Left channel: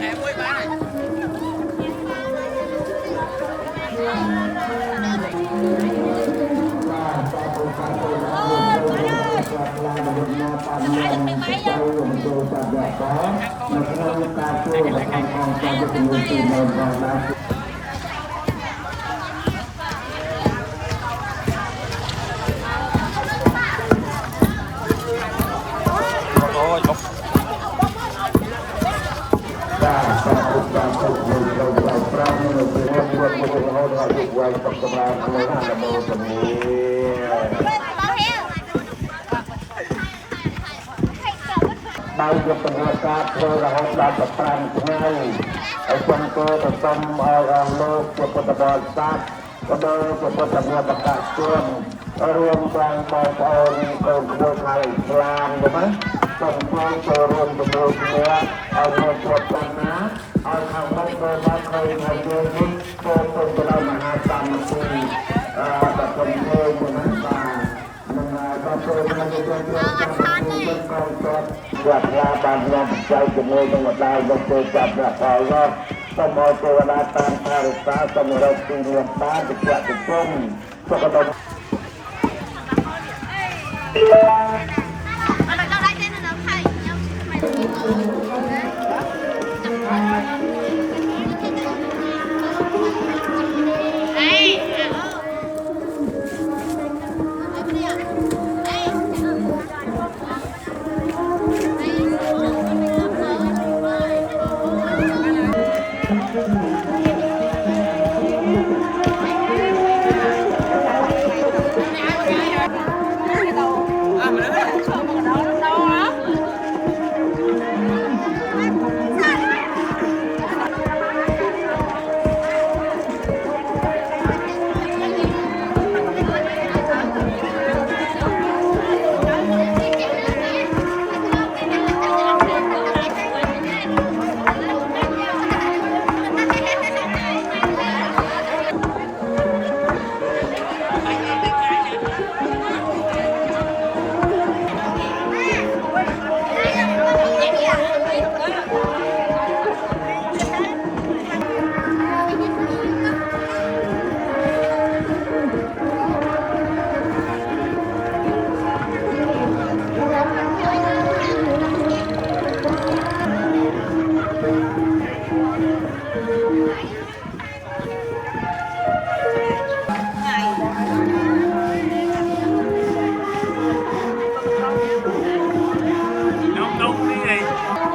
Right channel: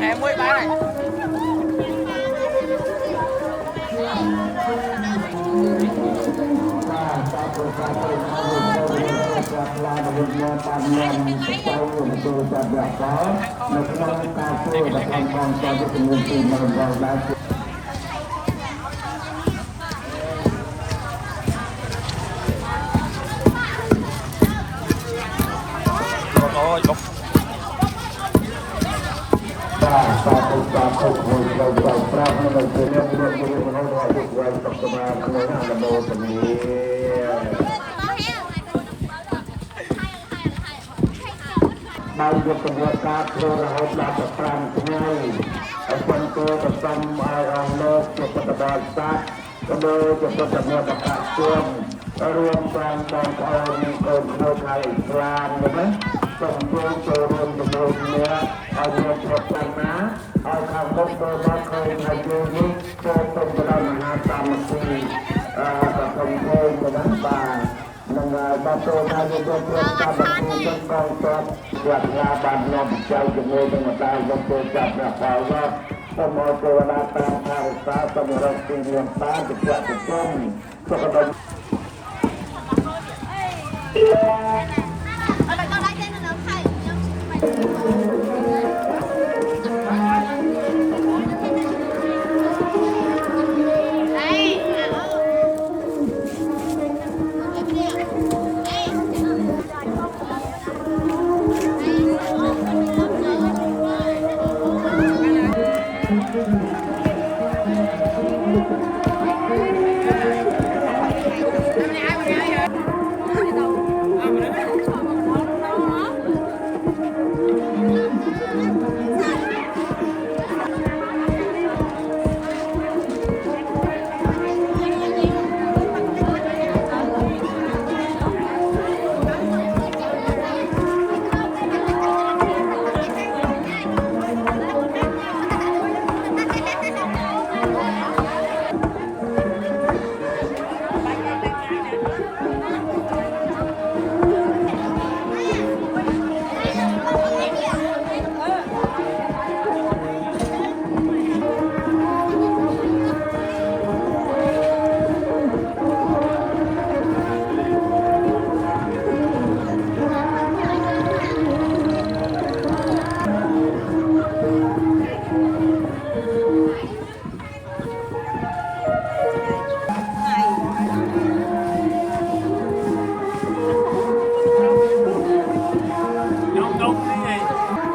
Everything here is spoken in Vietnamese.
ngày mới bán này. Ôi, bao nhiêu pengusaha terlalu dapat perang sungai, contoh tentang lo keputusan saat, kedua keputusannya bekas tuan, orang bang kemudian Islam, kan? Contoh turun sebelumnya, ada keputusannya, orang berdoa kemudian contoh berangkat mesti terpenuhi dengan buat labangnya berjaya jemur dengan dalam sejak Allah semua kewenangan harta semua tinta dibuat hukum sekedar đúng đúng cái gì